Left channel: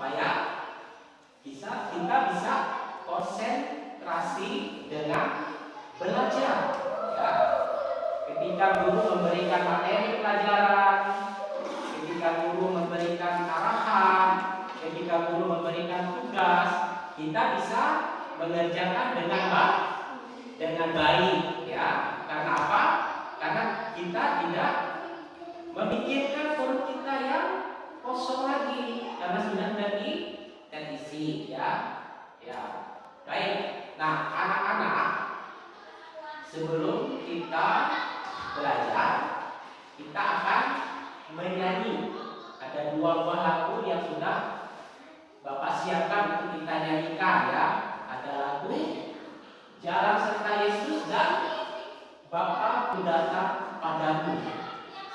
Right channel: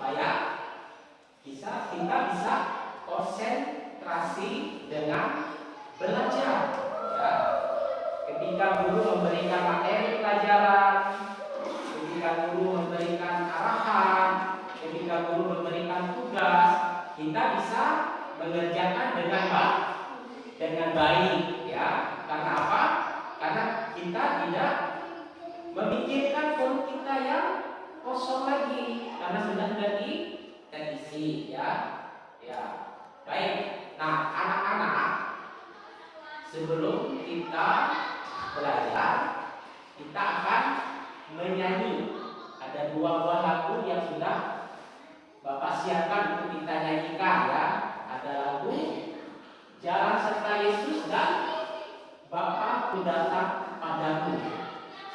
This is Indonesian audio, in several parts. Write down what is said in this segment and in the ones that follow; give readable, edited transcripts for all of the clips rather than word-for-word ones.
supaya kita bisa konsentrasi dengan belajar. Ya. Ketika guru memberikan materi pelajaran, ketika guru memberikan arahan, ketika guru memberikan tugas, kita bisa mengerjakan dengan baik, ya. Karena apa? Karena kita tidak memikirkan perut kita yang kosong lagi, karena sudah terisi, ya. Ya, baik. Nah, anak-anak, sebelum kita belajar, kita akan menyanyi. Ada 2 buah lagu yang sudah Bapak siapkan untuk kita nyanyikan, ya. Ada lagu Jalan Serta Yesus dan Bapa-Ku Datang Padamu.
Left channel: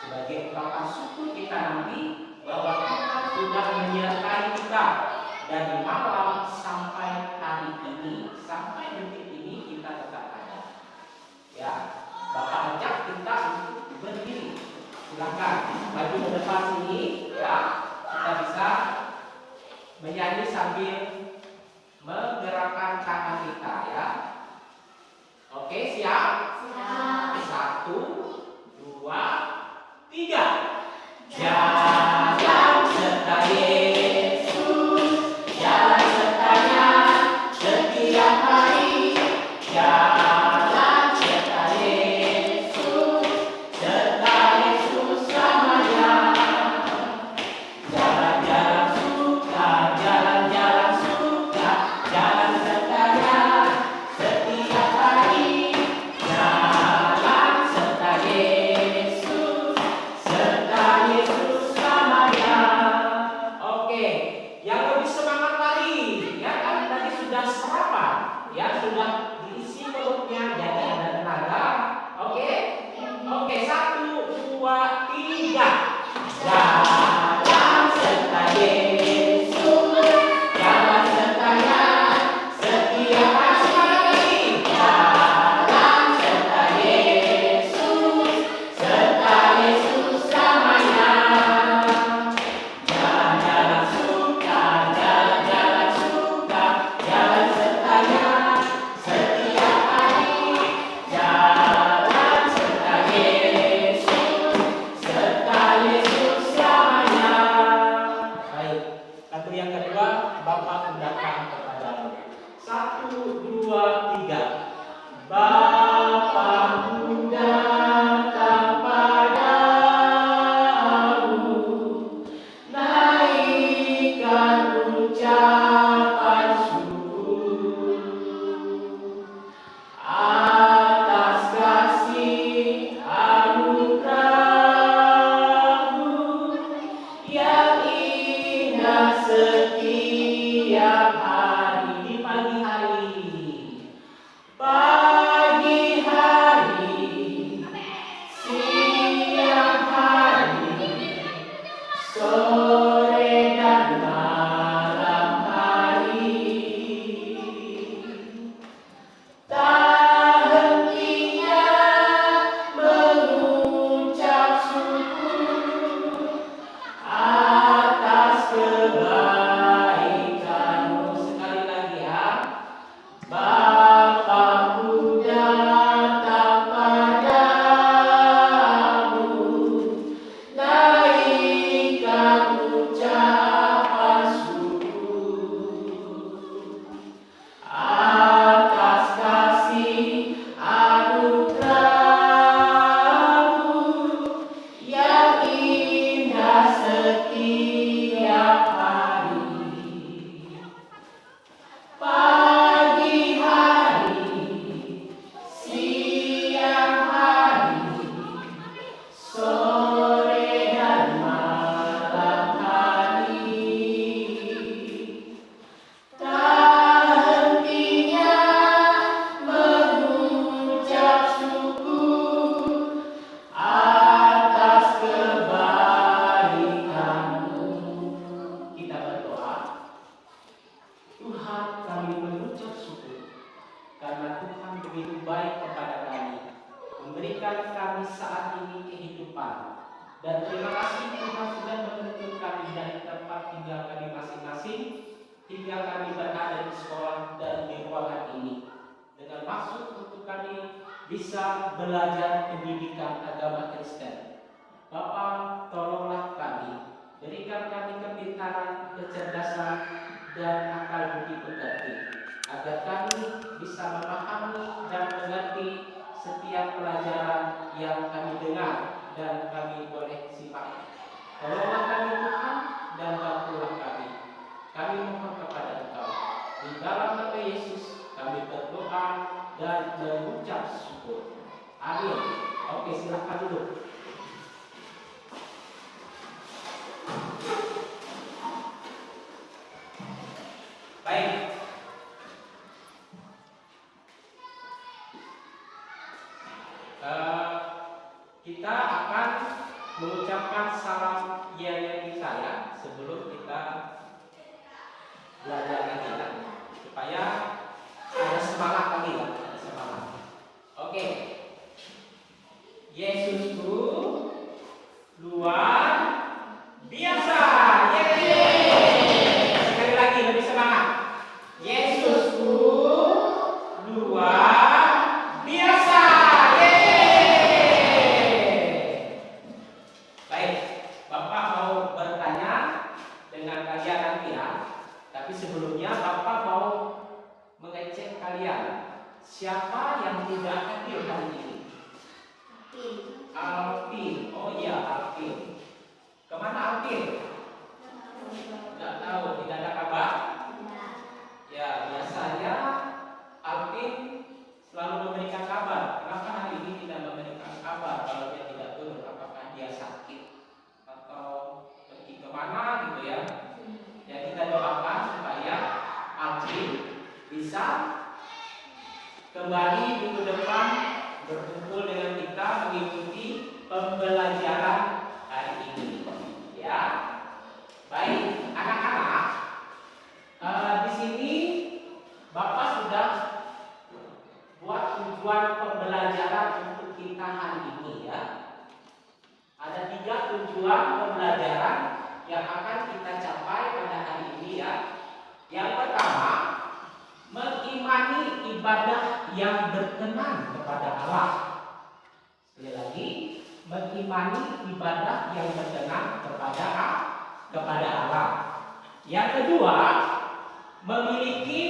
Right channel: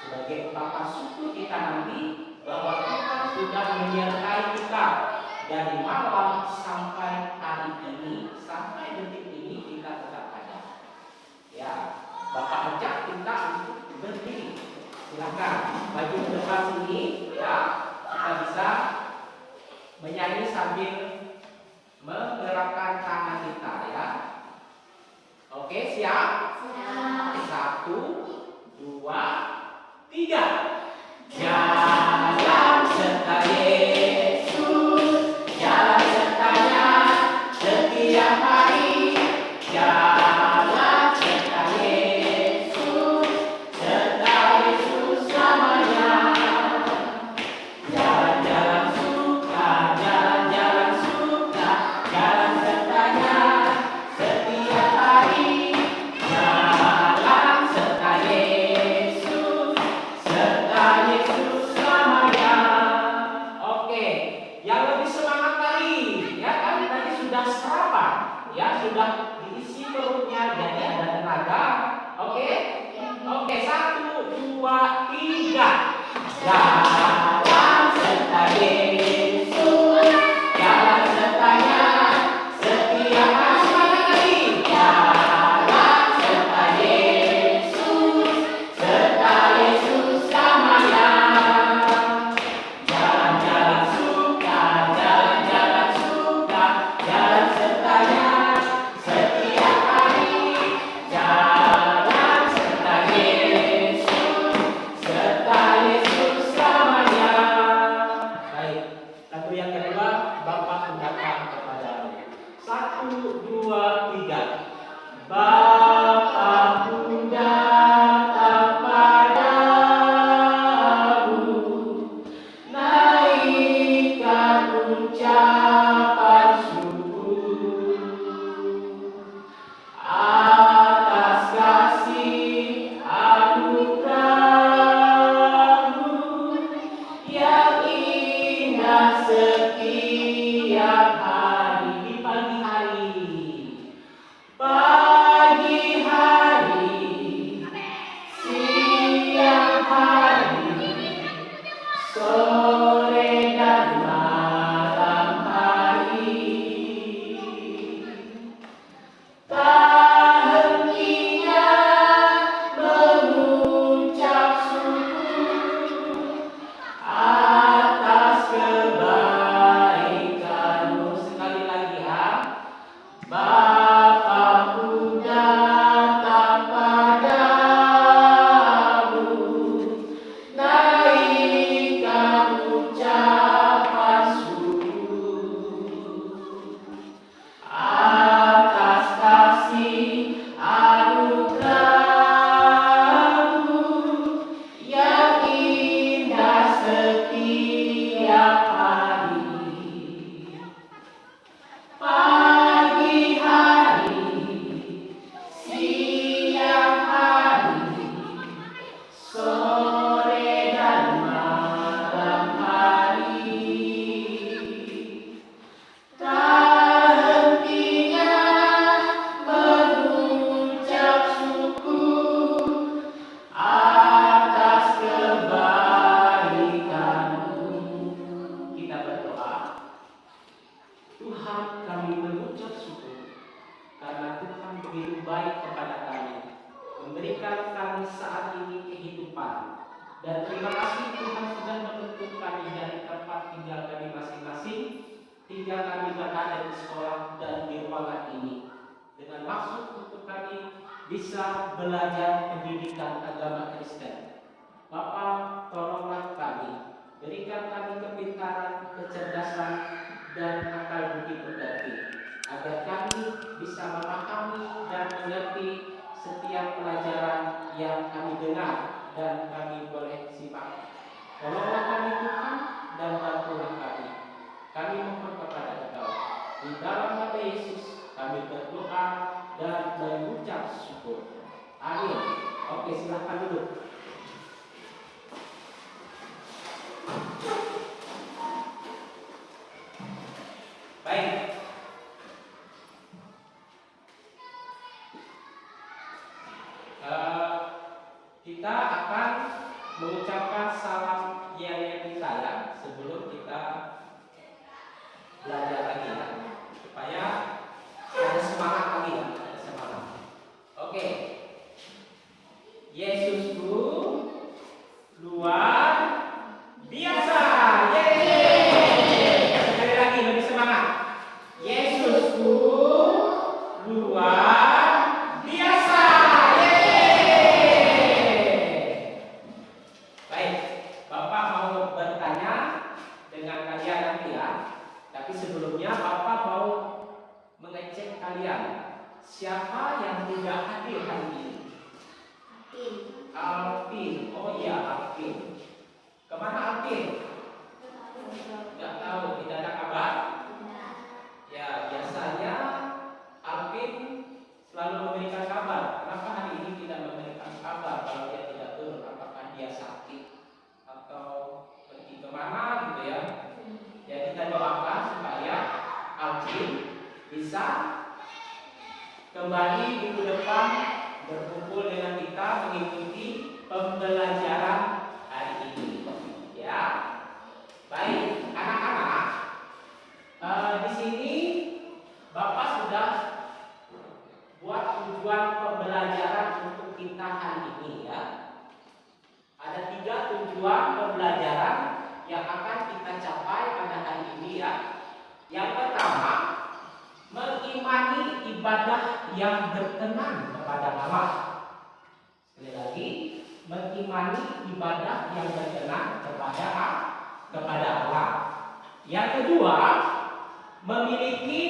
Sebagai ungkapan syukur kita nanti bahwa Tuhan sudah menyertai kita dari malam sampai hari ini, sampai detik ini kita tetap ada. Ya, Bapak ajak kita untuk berdiri. Silakan maju ke depan sini, ya. Kita bisa menyanyi sambil menggerakkan tangan kita, ya. Oke, siap? Siap. 1, 2, 3. Jalan serta Yesus, jalan sertanya setiap hari. Jalan serta Yesus, serta Yesus selamanya. Jalan-jalan suka, jalan-jalan suka, jalan sertanya setiap hari. Jalan serta Yesus, serta Yesus selamanya. Oke, yang lebih semangat lagi, ya kan tadi sudah sarapan, ya sudah diisi perutnya, jadi ada tenaga. Oke, 1, 2, 3. Jalan serta Yesus, jalan sertanya setiap hari. Jalan serta Yesus, serta Yesus selamanya. Jalan-jalan suka, jalan-jalan suka, jalan sertanya setiap hari. Jalan serta Yesus, serta Yesus selamanya. Baik, lagu yang kedua, Bapa-Ku Datang Kepadamu. 1, 2, 3. Bapa-Ku datang padamu, naikkan ucapan syukur atas kasih anugerah-Mu yang indah setiap hari. Di pagi hari, siang hari, sore dan malam hari. Tak hentinya mengucap syukur atas kebaikan-Mu. Sekali lagi, ya. Bapa-Ku datang padamu, naikkan ucapan syukur atas kasih anugerah-Mu yang indah setiap hari. Pagi hari, siang hari, sore dan malam hari. Tak hentinya mengucap syukur atas kebaikan-Mu. Kita berdoa. Tuhan, kami mengucap syukur karena Tuhan begitu baik kepada kami, memberikan kami saat ini kehidupan. Dan terima kasih Tuhan sudah menuntun kami dari tempat tinggal kami masing-masing hingga kami berada di sekolah dan di ruangan ini, dengan maksud untuk kami bisa belajar pendidikan agama Kristen. Bapa, tolonglah kami, berikan kami kepintaran, kecerdasan, dan akal budi pekerti, agar kami bisa memahami dan mengerti setiap pelajaran yang kami dengar dan kami boleh simak. Tolonglah kami Tuhan dan bantulah kami. Kami mohon kepada Engkau. Di dalam nama Yesus kami berdoa dan mengucap syukur. Amin. Oke, silahkan duduk. Baik. Kita akan mengucapkan salam Yeri kita ya, sebelum kita belajar lagi ya, supaya ada semangat lagi ya, ada semangat. Oke. Yesusku luar biasa. Yeay. Sekali lagi lebih semangat. Yesusku luar biasa. Bapak mau bertanya dengan kalian nanti ya. Tapi sebelumnya Bapak mau mengecek kalian. Siapa yang tidak hadir hari ini? Alvin. Oh iya, Alvin. Kemana Alvin? Nggak tahu, tidak ada kabar? Ya, biasanya Alvin selalu memberikan kabar. Kenapa hari ini tidak memberikan kabar kalau dia tidak turun? Apakah dia sakit atau pergi kemana gitu ya? Ya, kita doakan supaya Alvin bisa kembali minggu depan berkumpul dengan kita mengikuti pembelajaran hari ini. Ya, baik anak-anak. Di sini Bapak sudah buat tujuan pembelajaran untuk kita hari ini ya. Ada 3 tujuan pembelajaran yang akan kita capai pada hari ini ya. Yang pertama, mengimani ibadah yang berkenan kepada Allah. Sekali lagi, mengimani ibadah yang berkenan kepada Allah. Yang kedua, memiliki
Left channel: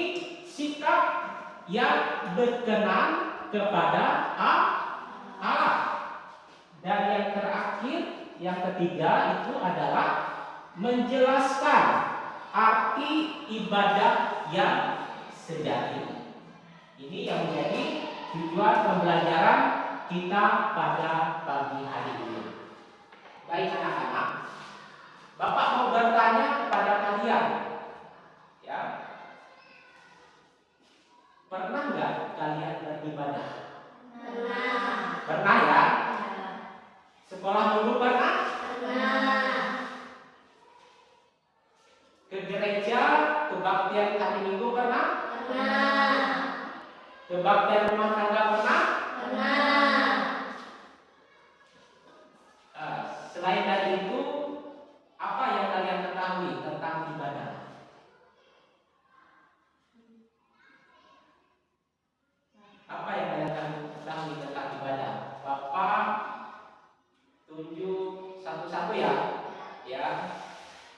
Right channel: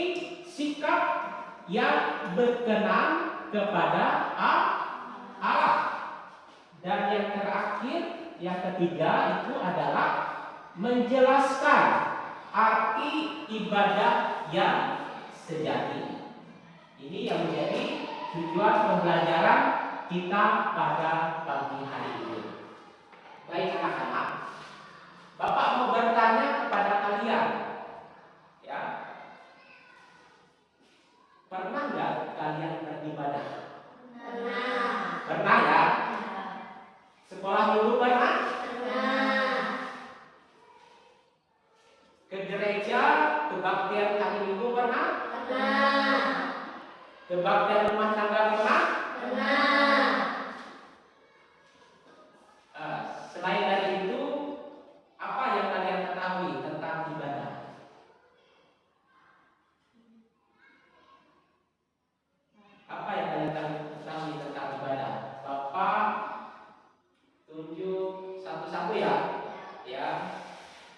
sikap yang berkenan kepada Allah. Dan yang terakhir, yang ketiga itu adalah menjelaskan arti ibadah yang sejati. Ini yang menjadi tujuan pembelajaran kita pada pagi hari ini. Baik anak-anak, Bapak mau bertanya kepada kalian, ya, pernah nggak kalian beribadah? Pernah ya? Sekolah minggu pernah? Ke gereja, kebaktian hari Minggu pernah? Kebaktian rumah tangga pernah? Selain dari itu, apa yang kalian ketahui tentang ibadah? Apa yang kalian ketahui tentang ibadah? Bapak tunjuk satu-satu ya. Ya.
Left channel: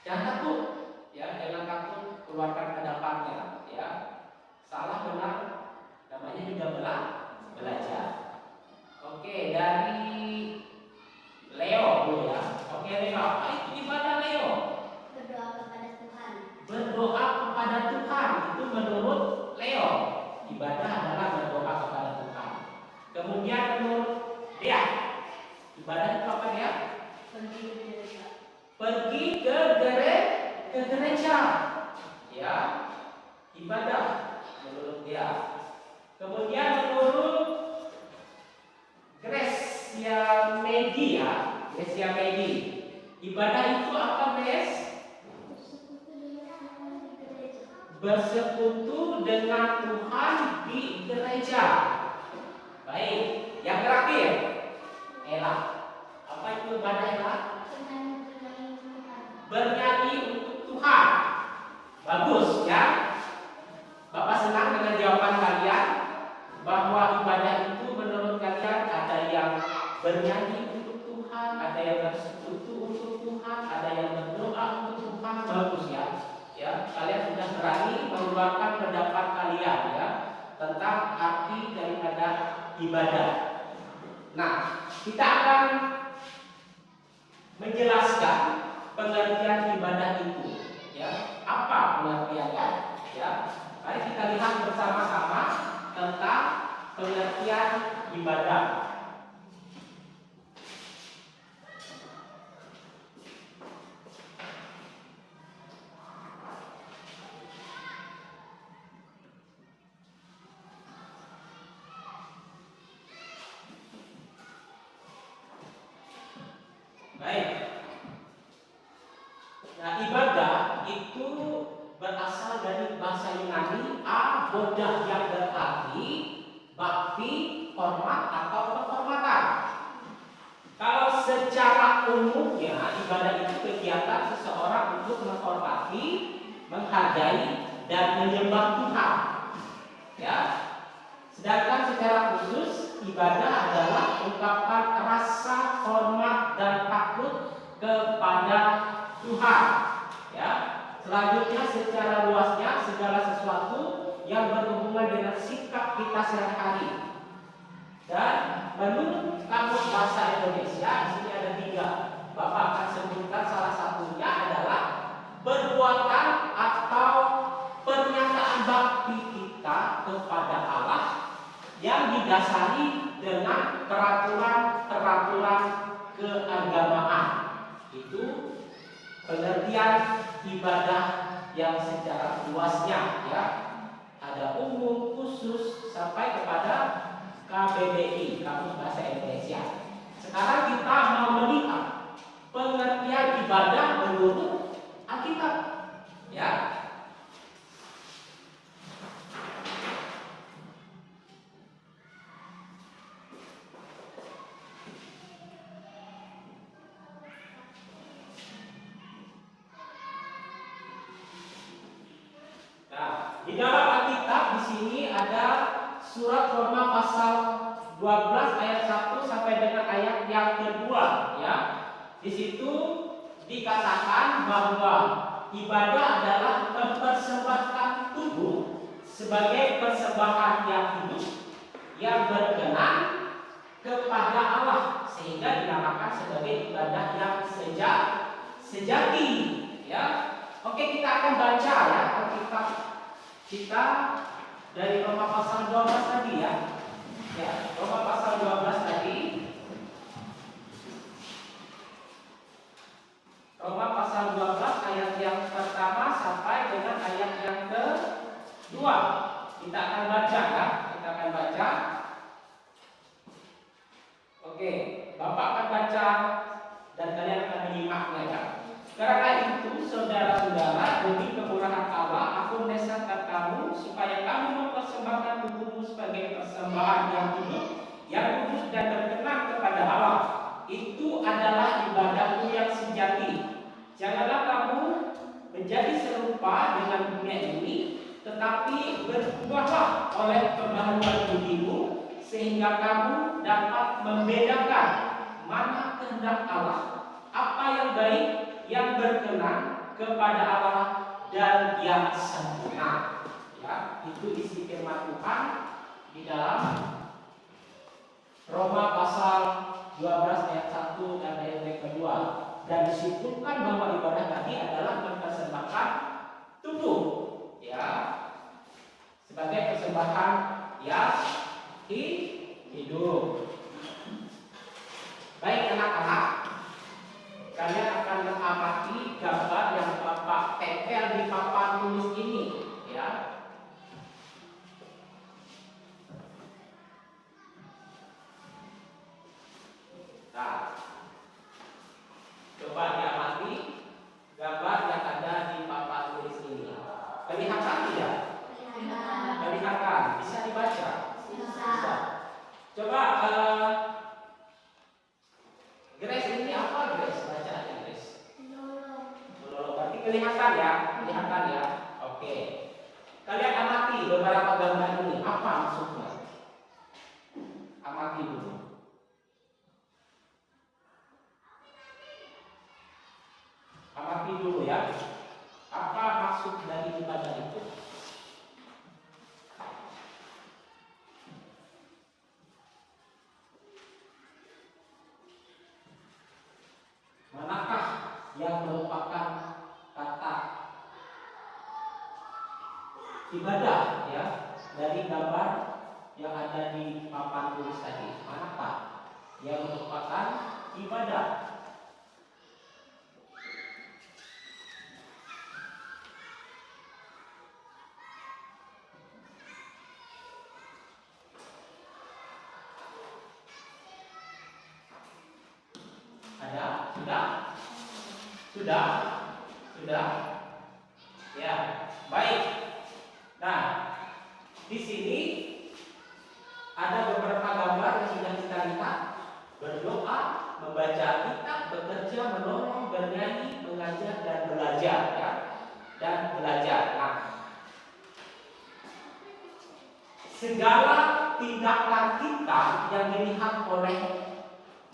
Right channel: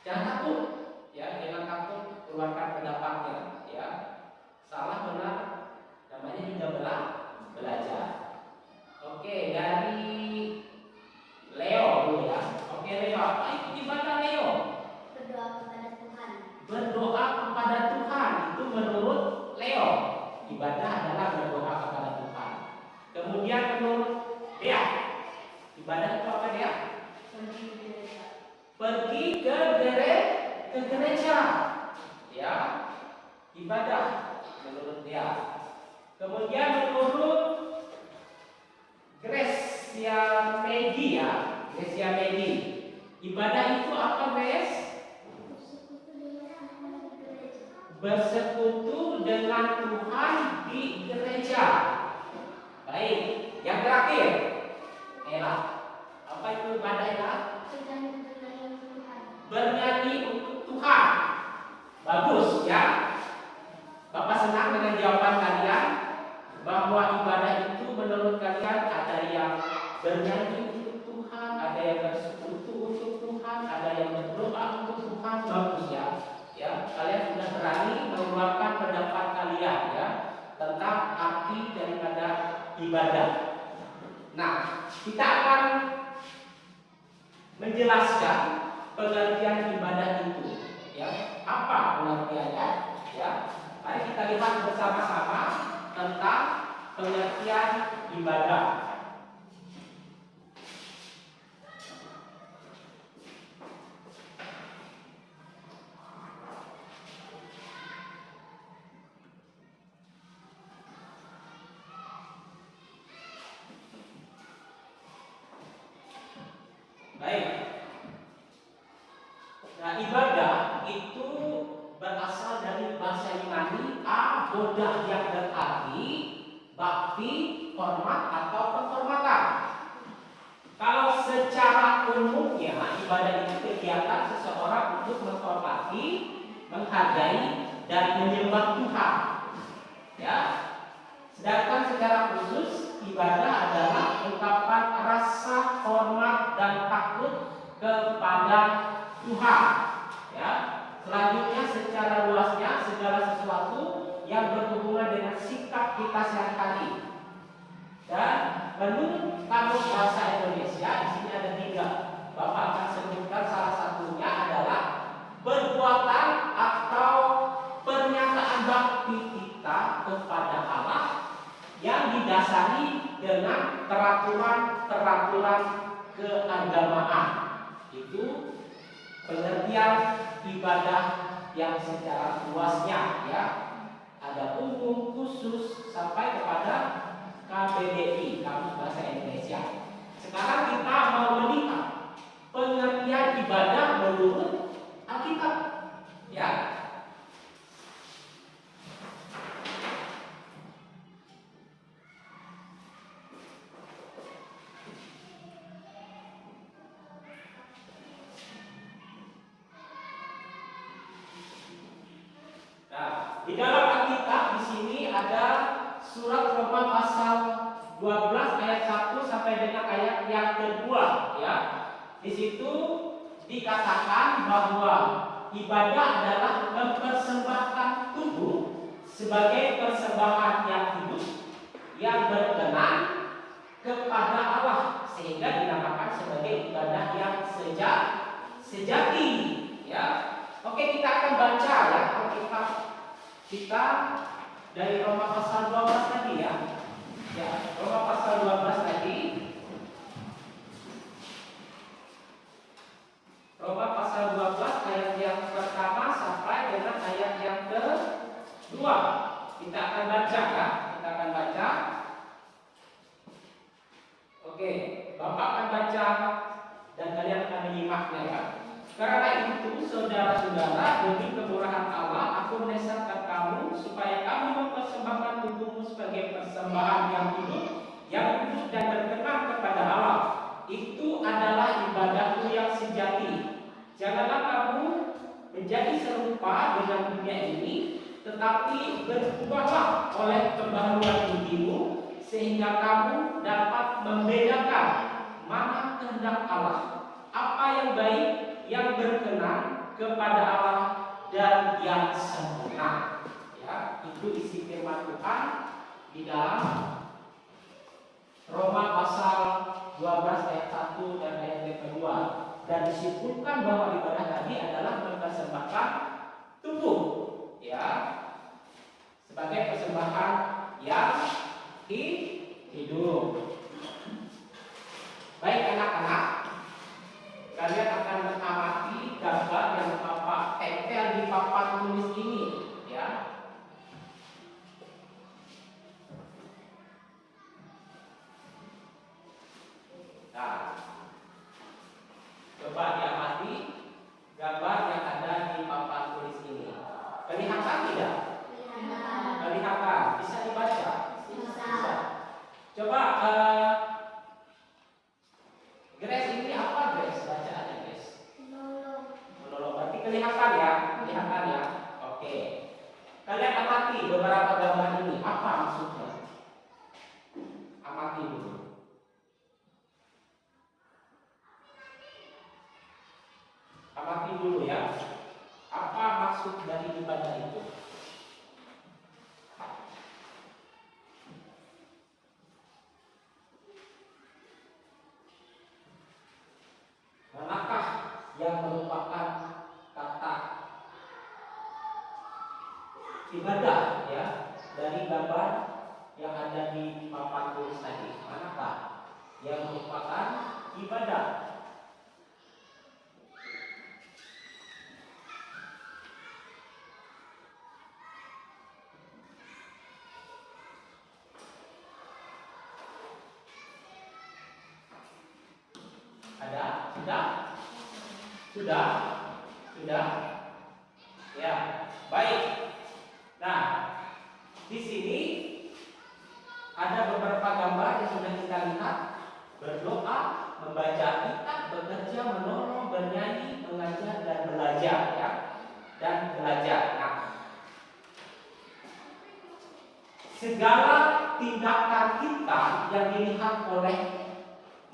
Jangan takut. Ya, jangan takut keluarkan pendapatnya ya. Salah benar namanya juga belajar. Oke, dari Leo dulu ya. Oke, Leo, apa itu ibadah Leo? Berdoa kepada Tuhan. Berdoa kepada Tuhan itu menurut Leo. Ibadah adalah berdoa kepada Tuhan. Kemudian menurut dia, ibadah itu apa dia? Pergi ke gereja. Ya, ibadah menurut dia. Kemudian menurut Gracia Medi, ibadah itu apa, Grace? Bersekutu dengan Tuhan di gereja. Baik, yang terakhir, Ella, apa itu ibadah Ella? Bernyanyi untuk Tuhan. Bagus ya. ibadah. Nah, kita akan menjelaskan pengertian ibadah itu, ya. Apa pengertiannya? Ya. Mari kita lihat bersama-sama tentang pengertian ibadah. Baik. Nah, ibadah itu berasal dari bahasa Yunani abodah yang berarti bakti, hormat atau penghormatan. Kalau secara umumnya ibadah itu kegiatan seseorang untuk menghormati, menghargai dan menyembah Tuhan. Ya. Sedangkan secara khusus ibadah adalah ungkapan rasa hormat dan takut kepada Tuhan. Ya. Selanjutnya secara luasnya segala sesuatu yang berhubungan dengan sikap kita sehari-hari. Dan menurut Kamus Bahasa Indonesia di sini ada 3. Bapak akan sebutkan salah satunya adalah perbuatan atau pernyataan bakti kita kepada Allah yang didasari dengan peraturan-peraturan keagamaan. Itu pengertian ibadah yang secara luasnya, ya. Ada umum, khusus sampai kepada KBBI, Kamus Bahasa Indonesia. Sekarang kita mau melihat pengertian ibadah menurut Alkitab, ya. Di dalam Alkitab di sini ada surat Roma pasal 12 ayat 1 sampai dengan ayat yang kedua, ya. Di situ dikatakan bahwa ibadah adalah mempersembahkan tubuh sebagai persembahan yang hidup yang berkenan kepada Allah, sehingga dinamakan sebagai ibadah yang sejati, ya. Oke, kita akan baca, ya, Alkitab kita dari Roma pasal 12 tadi, ya. Ya, Roma pasal 12 tadi. Roma pasal 12 ayat yang pertama sampai dengan ayat yang kedua. Kita akan baca, kan? Kita akan baca. Oke, Bapak akan baca dan kalian akan menyimaknya, ya. Karena itu, saudara-saudara, demi kemurahan Allah, aku mendesakkan kamu supaya kamu mempersembahkan tubuhmu sebagai persembahan yang hidup, yang kudus dan berkenan kepada Allah. Itu adalah ibadahmu yang sejati. Janganlah kamu menjadi serupa dengan dunia ini, tetapi berubahlah oleh pembaharuan budimu, sehingga kamu dapat membedakan mana kehendak Allah, apa yang baik, yang berkenan kepada Allah dan yang sempurna. Ya, itu isi firman Tuhan di dalam Roma pasal 12 ayat 1 dan ayat yang kedua. Dan disebutkan bahwa ibadah tadi adalah mempersembahkan tubuh, ya, sebagai persembahan yang hidup. Baik anak-anak, kalian akan mengamati gambar yang Bapak tempel di papan tulis ini, ya. Nah, coba diamati gambar yang ada di papan tulis ini. Kelihatan tidak? Kelihatan. Bisa dibaca? Bisa. Coba Grace, ini apa Grace? Baca aja Grace. Berarti kelihatan, ya? Kelihatan, ya? Oke. Kalian amati beberapa gambar ini. Apa maksudnya? Amati dulu. Amati dulu, ya. Apa maksud dari ibadah itu? ibadah ya dari gambar yang ada di papan tulis tadi? Manakah yang merupakan ibadah? Ada? Sudah? Sudah? Sudah? Ya, baik. Nah, di sini ada beberapa gambar yang sudah kita lihat. Berdoa, membaca kitab, bekerja, menolong, bernyanyi, mengajar, dan belajar ya. Dan belajar. Nah, segala tindakan kita yang dilihat oleh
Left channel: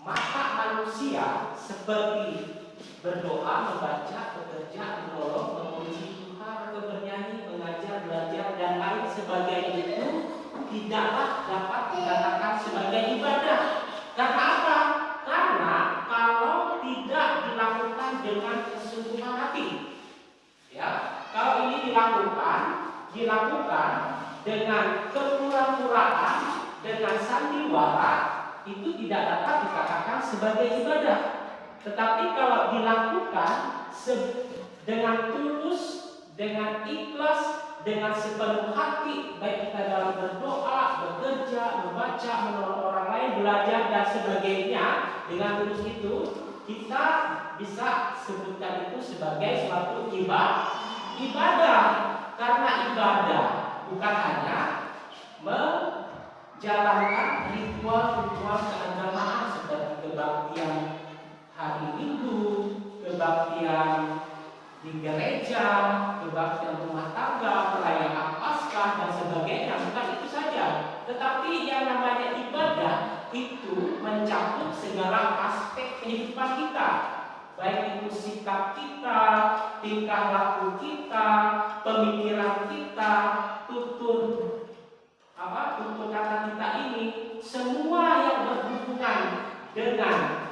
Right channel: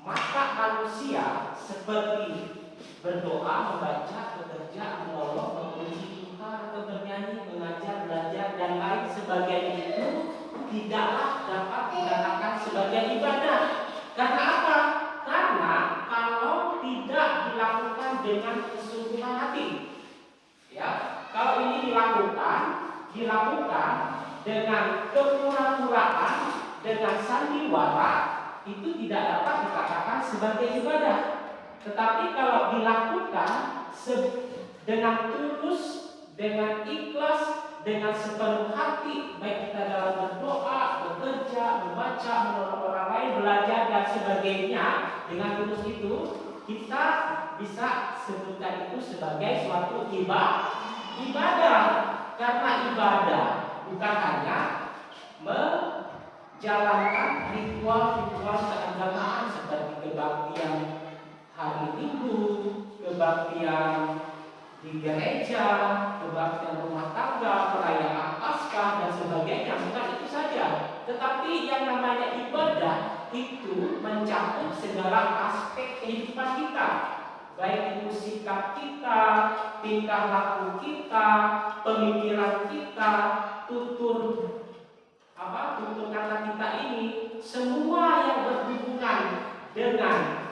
mata manusia seperti berdoa, membaca, bekerja, menolong, memuji Tuhan, atau bernyanyi, mengajar, belajar, dan lain sebagainya itu tidaklah dapat dikatakan sebagai ibadah. Karena apa? Karena kalau tidak dilakukan dengan kesungguhan hati, ya, kalau ini dilakukan dengan kepura-puraan, dengan sandiwara, itu tidak dapat dikatakan sebagai ibadah. Tetapi kalau dilakukan dengan tulus, dengan ikhlas, dengan sepenuh hati, baik kita dalam berdoa, bekerja, membaca, menolong orang lain, belajar dan sebagainya, dengan tulus itu kita bisa sebutkan itu sebagai suatu ibadah. Karena ibadah bukan hanya menjalankan ritual-ritual keagamaan seperti kebaktian hari Minggu, kebaktian di gereja, kebaktian rumah tangga, perayaan Paskah dan sebagainya. Bukan itu saja, tetapi yang namanya ibadah itu mencakup segala aspek kehidupan kita, baik itu sikap kita, tingkah laku kita, pemikiran kita, tutur kata kita ini, semua yang berhubungan dengan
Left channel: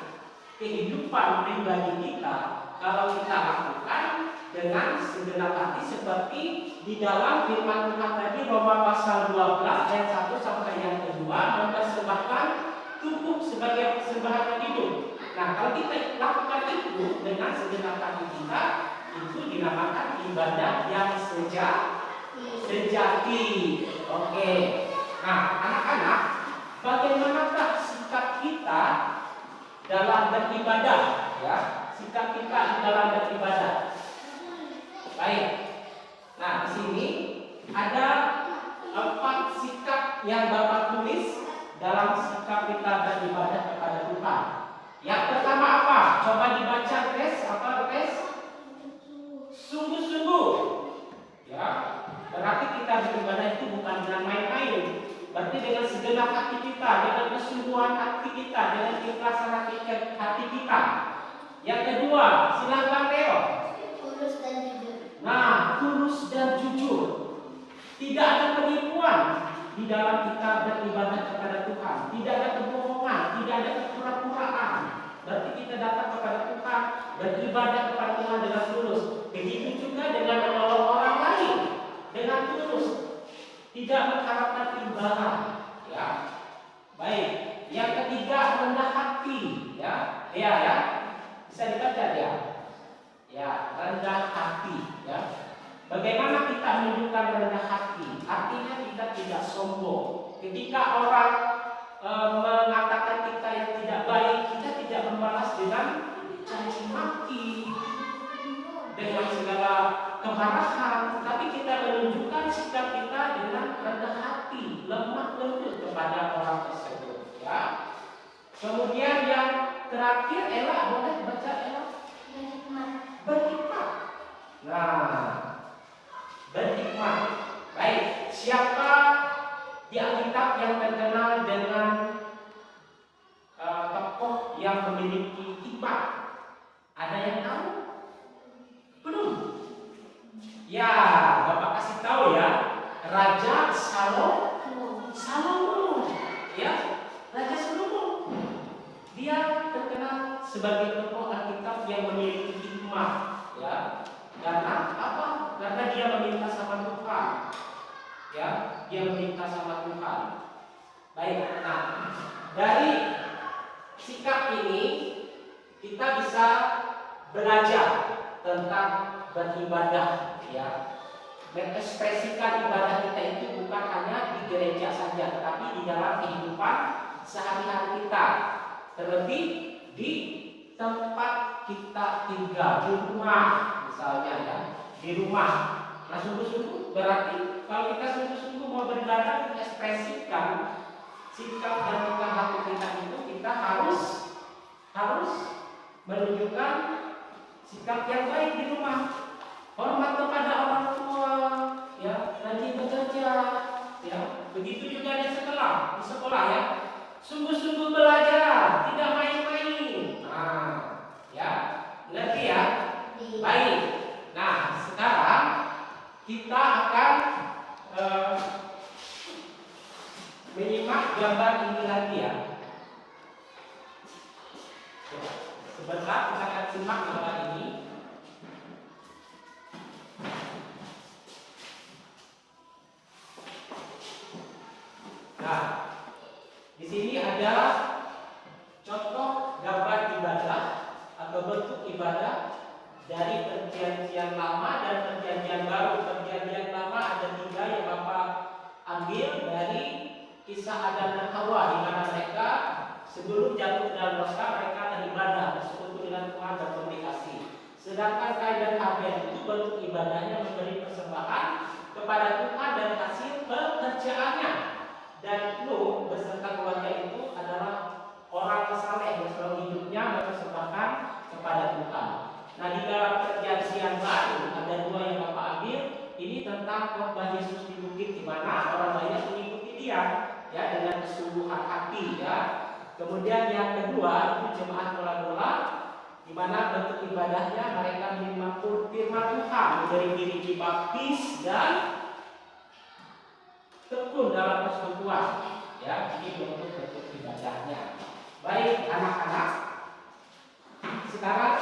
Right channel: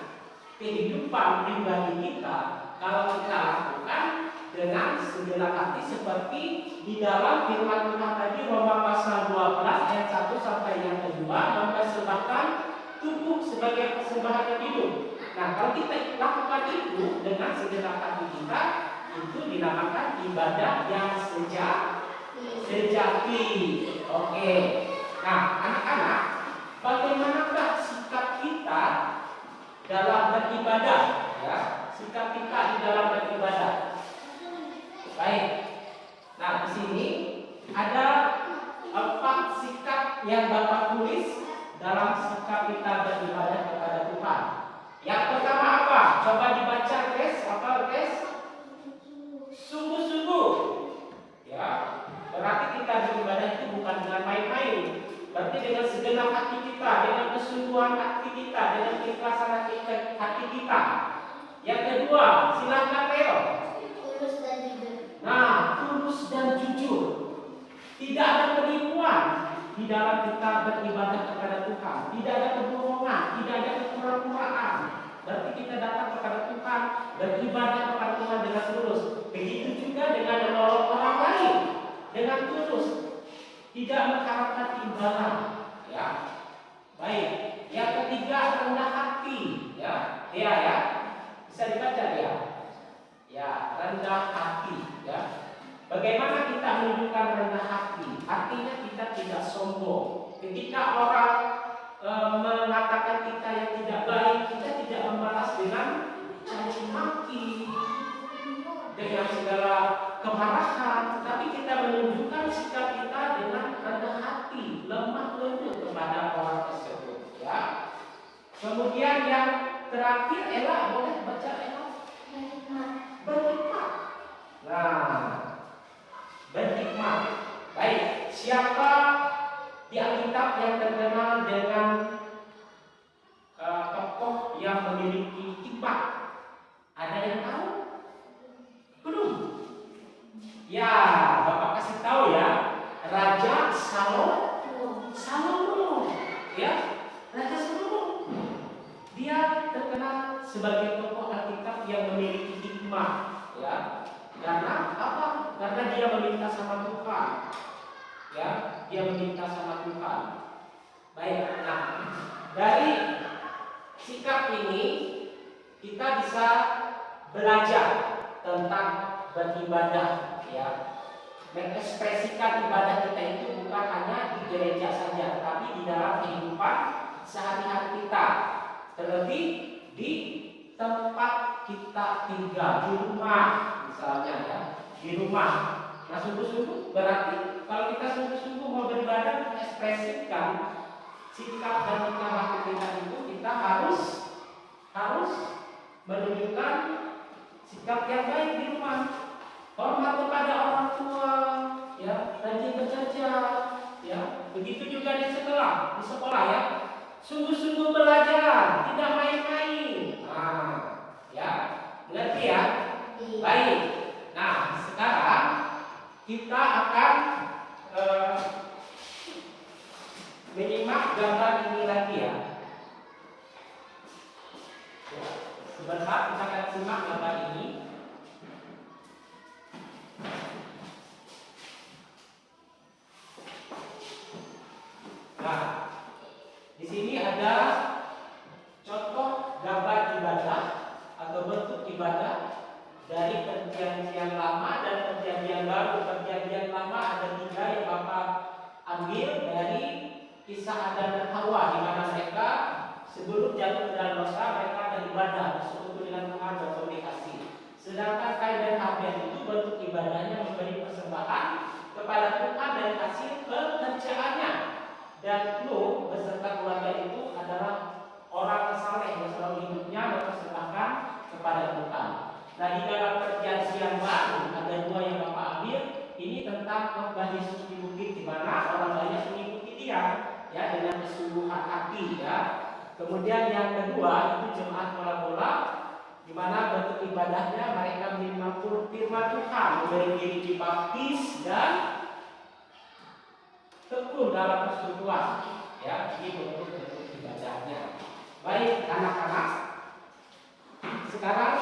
kehidupan pribadi kita, kalau kita lakukan dengan segenap hati seperti di dalam firman Tuhan tadi, Roma pasal 12 ayat 1 sampai yang kedua, mempersembahkan tubuh sebagai persembahan yang hidup. Nah, kalau kita lakukan itu dengan segenap hati kita, itu dinamakan ibadah yang sejati. Oke. Nah, anak-anak, bagaimanakah sikap kita dalam beribadah? Ya, sikap kita di dalam beribadah. Baik. Nah, di sini ada 4 sikap yang Bapak tulis dalam sikap kita beribadah kepada Tuhan. Yang pertama apa? Coba dibaca tes. Apa tes? Sungguh-sungguh. Ya, berarti kita beribadah itu bukan dengan main-main. Berarti dengan segenap hati kita, dengan kesungguhan hati kita, dengan keikhlasan hati kita. Yang kedua, silakan Leo. Tulus dan jujur. Nah, tulus dan jujur. Tidak ada penipuan di dalam kita beribadah kepada Tuhan. Tidak ada kebohongan, tidak ada kepura-puraan. Berarti kita datang kepada Tuhan, beribadah kepada Tuhan dengan tulus. Begitu juga dengan menolong orang lain dengan tulus, tidak mengharapkan imbalan. Ya, baik. Yang ketiga, rendah hati. Ya, ya, bisa dibaca dia. Ya, rendah hati. Ya. Bagaimana kita menunjukkan rendah hati? Artinya kita tidak sombong. Ketika orang mengatakan kita yang tidak baik, kita tidak membalas dengan caci maki, dengan segala kemarahan, tapi kita menunjukkan sikap kita dengan rendah hati, lemah lembut kepada orang tersebut. Ya. Kemudian yang terakhir, Ella, boleh baca Ella? Berhikmat. Nah, berhikmat. Baik, siapa di Alkitab yang terkenal dengan tokoh yang memiliki hikmat? Ada yang tahu? Belum? Ya, Bapak kasih tahu ya. Raja Salomo. Ya, Raja Salomo. Dia terkenal sebagai tokoh Alkitab yang memiliki hikmat. Ya, karena apa? Karena dia meminta sama Tuhan. ya, dia meminta sama Tuhan. Baik, nah dari sikap ini kita bisa belajar tentang beribadah, ya, mengekspresikan ibadah kita itu bukan hanya di gereja saja, tapi di dalam kehidupan sehari-hari kita, terlebih di tempat kita tinggal, di rumah misalnya, ya, di rumah. Nah, sungguh-sungguh berarti kalau kita sungguh-sungguh mau beribadah, mengekspresikan sikap dan tingkah laku kita itu, kita harus menunjukkan sikap yang baik di rumah. Hormat kepada orang tua, ya, rajin bekerja, ya. Begitu juga di sekolah, ya. Sungguh-sungguh belajar, tidak main-main. Nah, ya, ngerti ya? Baik. Nah, sekarang kita akan menyimak gambar ini lagi, ya. Sebentar kita akan simak gambar ini. Nah, di sini ada contoh gambar ibadah atau bentuk ibadah dari perjanjian lama dan perjanjian baru. Perjanjian lama ada 3 yang Bapak ambil dari kisah Adam dan Hawa, di mana mereka sebelum jatuh ke dalam dosa mereka beribadah, bersekutu dengan Tuhan dan komunikasi. Sedangkan Kain dan Habel itu bentuk ibadahnya memberi persembahan kepada Tuhan dari hasil pekerjaannya. Dan Nuh beserta keluarga itu adalah orang yang saleh yang selalu hidupnya mempersembahkan kepada Tuhan. Nah, di dalam perjanjian baru ada 2 yang Bapak ambil. Ini tentang khotbah Yesus di bukit, di mana orang banyak mengikuti dia, ya, dengan kesungguhan hati, ya. Kemudian yang kedua itu jemaat bola-bola, di mana bentuk ibadahnya mereka menerima firman Tuhan, memberi diri dibaptis dan tekun dalam persekutuan, ya. Ini bentuk ibadahnya. Baik anak-anak, sekarang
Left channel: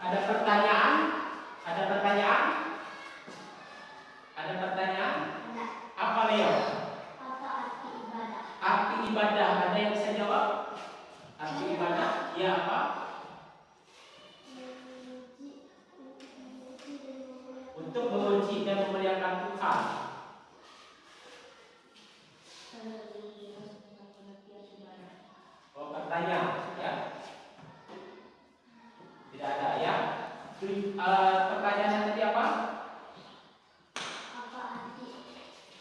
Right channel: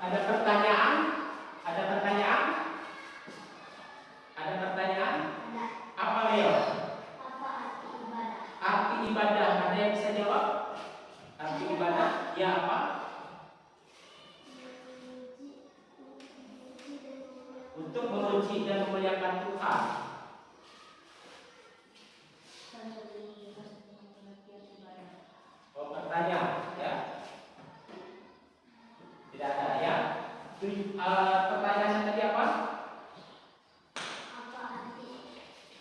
ada pertanyaan? Ada pertanyaan? Ada pertanyaan? Apa, Leo? Apa arti ibadah? Arti ibadah, ada yang bisa jawab? Arti ibadah, ya apa? Untuk memuji dan memuliakan Tuhan. Oh, pertanyaan, ya? Tidak ada, ya? Pertanyaannya tadi apa? Apa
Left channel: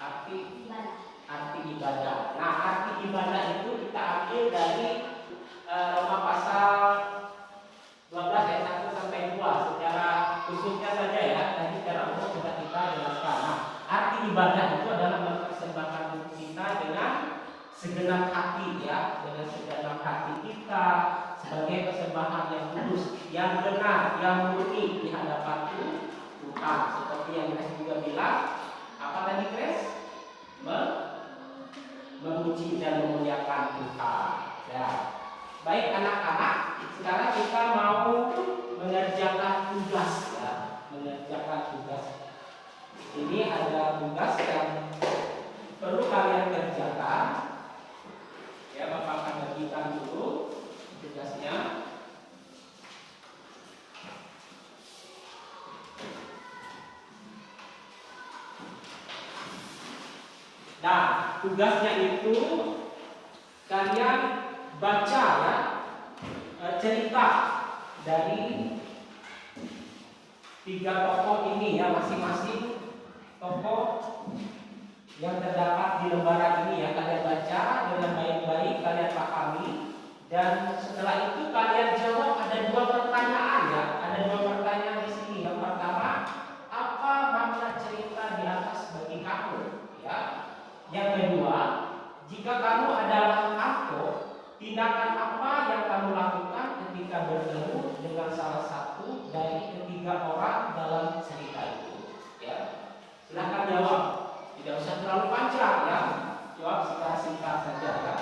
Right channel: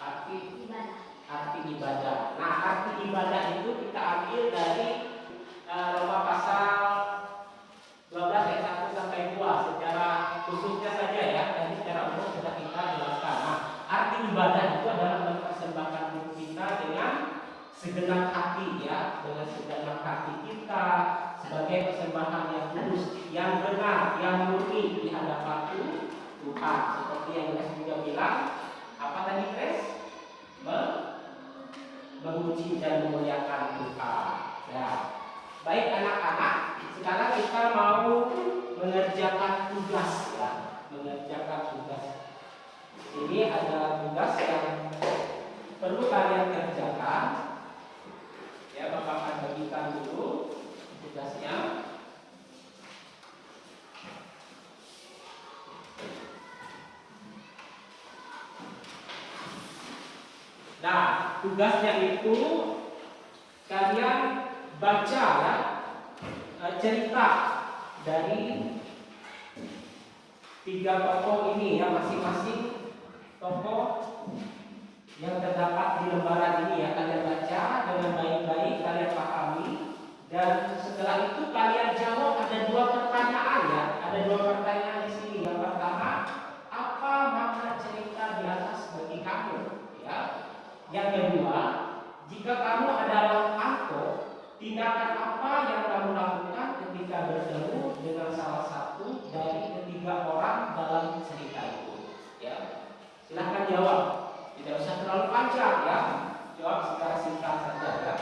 Arti ibadah? arti ibadah. Nah, arti ibadah itu kita ambil dari Roma pasal 12 ayat 1 sampai 2 secara khususnya saja, ya. Tadi secara umum sudah kita jelaskan. Nah, arti ibadah itu adalah mempersembahkan diri kita dengan segenap hati, ya, dengan segenap hati kita sebagai persembahan yang kudus, yang benar, yang murni di hadapan Tuhan. Seperti yang Grace juga bilang, apa tadi Grace? Memuji dan memuliakan Tuhan, ya. Baik anak-anak, sekarang kita mau mengerjakan tugas, ya, mengerjakan tugas. Ini ada tugas yang perlu kalian kerjakan, ya. Bapak akan bagikan dulu tugasnya. Nah, tugasnya itu kalian baca, ya, cerita dari 3 tokoh ini, ya, masing-masing tokoh yang terdapat di lembaran ini, ya. Kalian baca dengan baik-baik, kalian pahami, dan setelah itu kalian jawab. Ada 2 pertanyaan, ya. Ada 2 pertanyaan di sini. Yang pertama, apa makna cerita di atas bagi kamu, ya. Yang kedua, jika kamu adalah Anto, tindakan apa yang kamu lakukan ketika bertemu dengan salah satu dari ketiga orang dalam cerita itu, ya. Silakan jawab. Tidak usah terlalu panjang, ya. Jawab secara singkat saja, ya.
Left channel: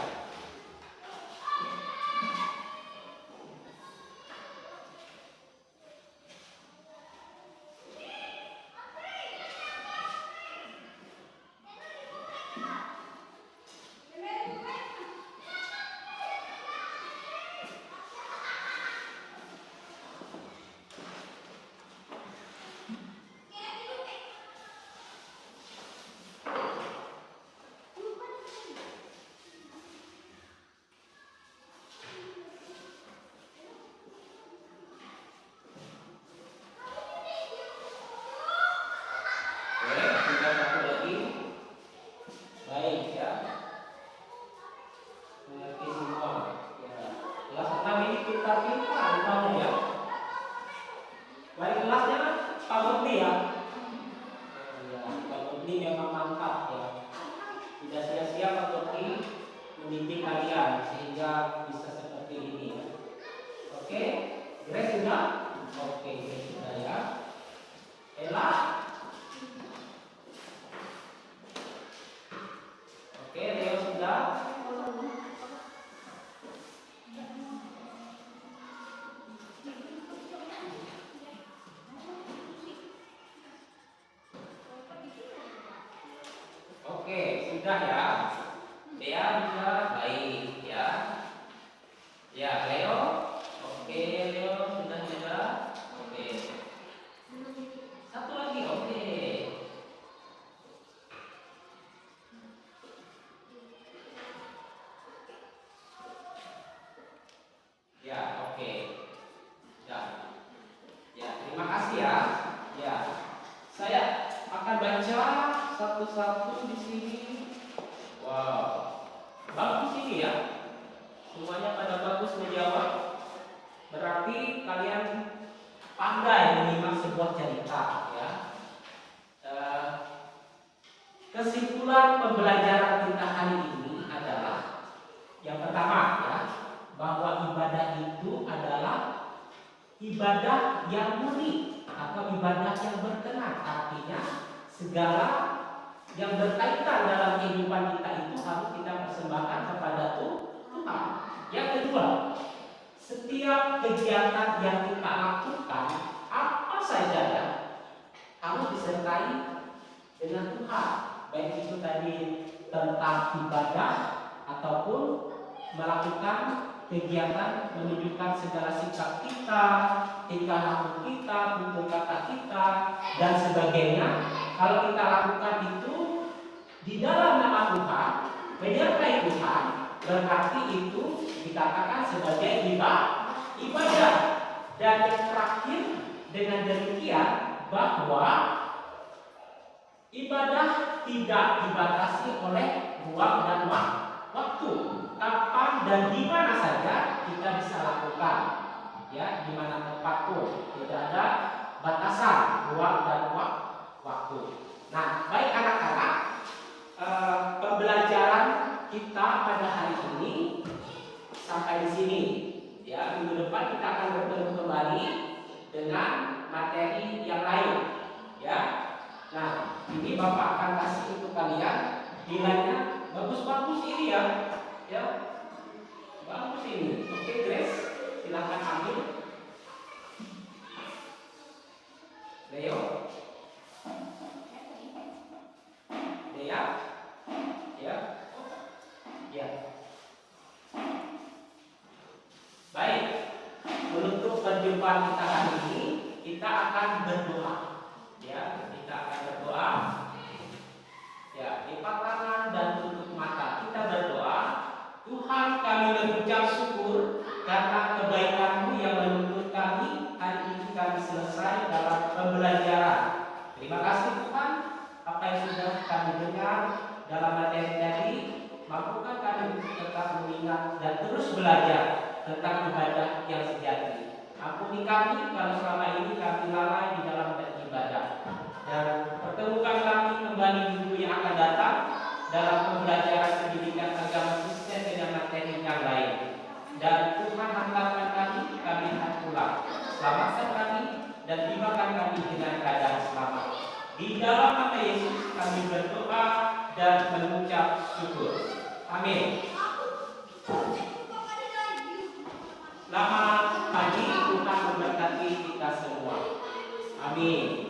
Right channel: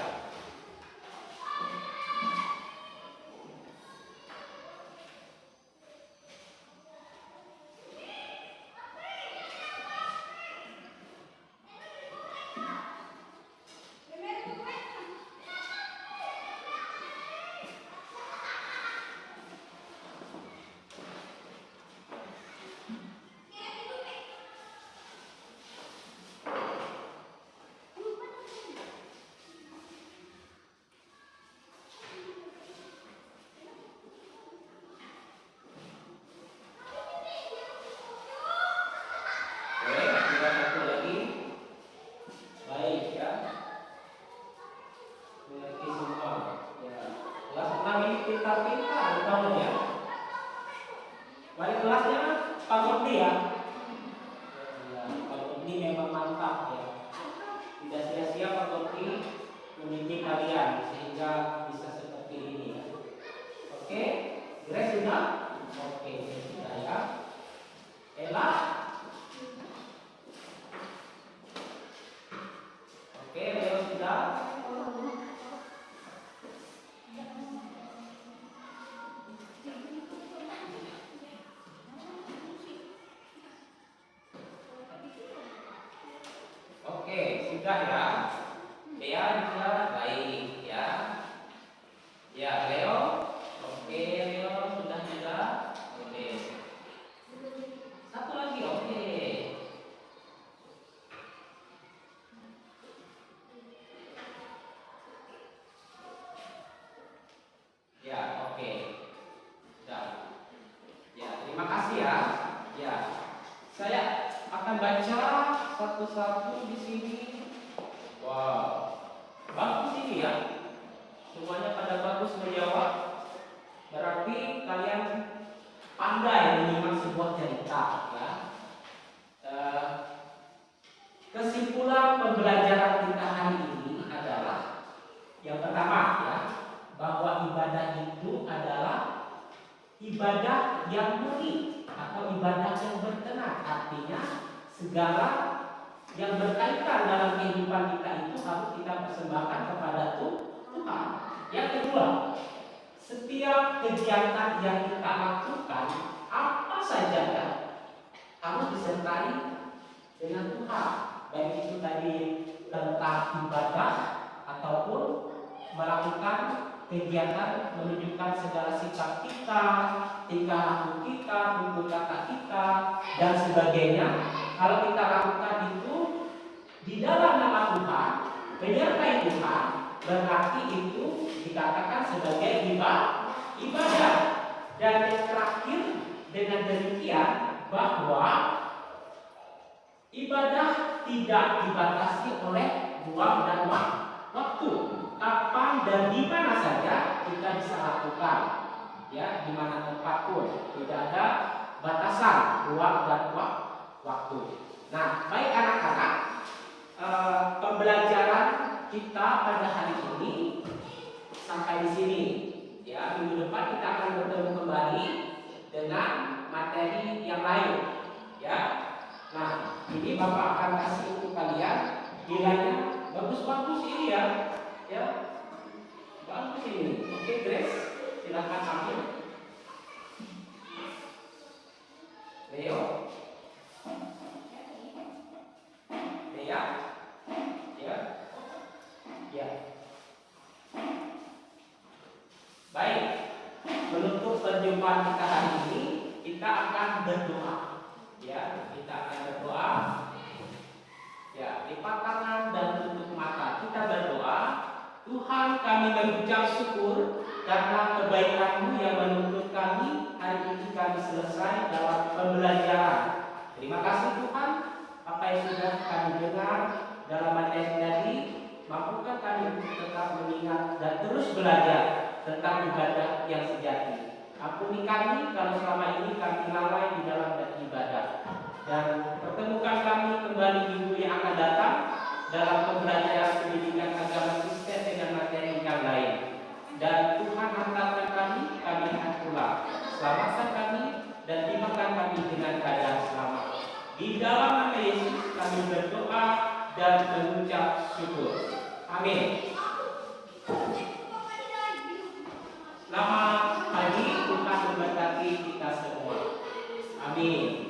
Oke, tinggal satu lagi. Baik ya. Mengerti semua. Ya. Kelas 6 ini pintar-pintar rupanya ya. Wali kelasnya Pak Gopli ya. Ya, Pak Gopli memang mantap ya. Tidak sia-sia Pak Gopli membimbing kalian sehingga bisa seperti ini ya. Oke, Grace sudah? Oke, Grace sudah ya. Ella? Oke, Leo sudah? Oke, sudah ya. Dea juga baik ya. Ya, Leo. Oke, Leo sudah juga. Oke. Satu lagi, oke. Ya, oke. Sudah. Ya, terima kasih ya. Ya. Saya akan baca satu-satu di sini. Wow. Bagus ini ya. Semuanya pada bagus menjawab. Berarti kalian pandai menyimak sebuah cerita ya. Kesimpulan pembelajaran kita hari ini adalah yang pertama ya, bahwa ibadah itu adalah ibadah yang murni atau ibadah yang berkenan. Artinya segala yang berkaitan dalam kehidupan kita itu harus kita persembahkan kepada Tuhan. Yang kedua, setiap kegiatan yang kita lakukan apa saja ya, harus disertai dengan Tuhan. Baik itu tadi tentang ibadah ataupun melakukan kegiatan menunjukkan segala sikap kita, tingkah laku kita, tutur kata kita dan sebagainya. Kalau kita lakukan itu di dalam nama Tuhan, menyertai Tuhan, berarti itu dikatakan sebagai ibadah. Dan yang terakhir, dengan demikian bahwa ibadah tidak dibatasi oleh ruang dan waktu. Kapan dan di mana saja kita bisa lakukan, ya, di mana tempat pun, tidak ada batasan ruang dan waktu. Nah, baik anak-anak, pembelajaran kita pada hari ini sampai di sini. Ya, minggu depan kita akan bertemu kembali dengan materi yang lain. Ya, nah ini Bapak akan kasih untuk kalian nilainya bagus-bagus ini ya. Ya, bagus ini. Oke, Grace, silakan ambil. Leo, Dea, ya, ya. Baik, menutup perjumpaan kita hari ini, kita akan berdoa. Ya, kita akan berdoa. Ya, lipat tangan dan tutup mata. Kita berdoa. Tuhan, kami mengucap syukur karena kebaikan-Mu yang menuntut kami hari ini kami selesai dalam pembelajaran. Terima kasih Tuhan, apa yang sudah kami dengar dalam materi tadi, mampukan kami untuk tetap mengingat dan terus belajar tentang ibadah yang sejati. Ampuni kami kalau selama ini kami lalai di dalam beribadah. Dan pertemukan kami kembali minggu yang akan datang dalam pembelajaran pendidikan agama Kristen dengan materi yang lain. Dan Tuhan hantarkan kami akan pulang. Selamatkan kami dan tibakan kami dengan keadaan selamat. Di dalam nama Yesus kami berdoa dan mengucap syukur. Amin. Selamat pagi, Tuhan memberkati kita semua. Amin.